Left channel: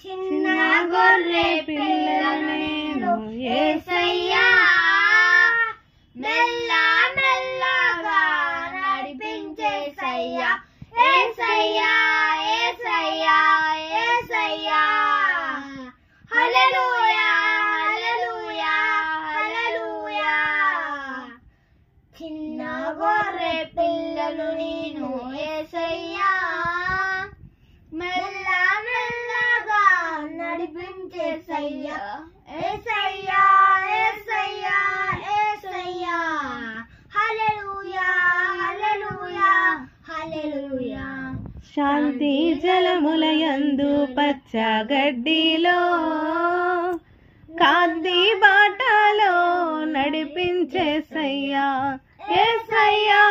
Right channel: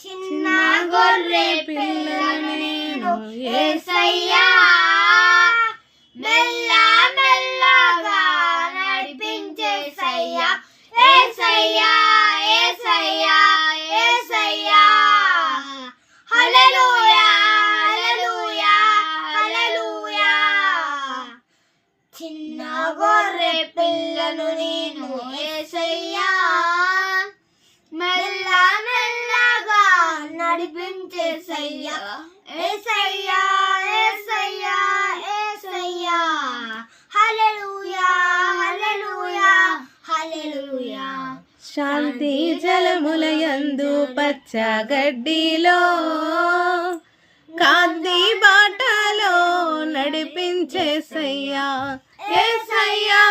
చిన్న గొర్రె పిల్లను నేను యేసయ్యా మెల్ల మెల్లగా నడిపించేసయ్యా యేసయ్యా యేసయ్యా యేసయ్యా హల్లెలూయా హల్లెలూయా హల్లెలూయా చిన్న గొర్రె పిల్లను నేను యేసయ్యా మెల్ల మెల్లగా నడిపించేసయ్యా యేసయ్యా యేసయ్యా యేసయ్యా హల్లెలూయా హల్లెలూయా హల్లెలూయా శాంతి జలములయందు పచ్చగడ్డిలో కాంతి బాటలో నడిపించేసయ్యా యేసయ్యా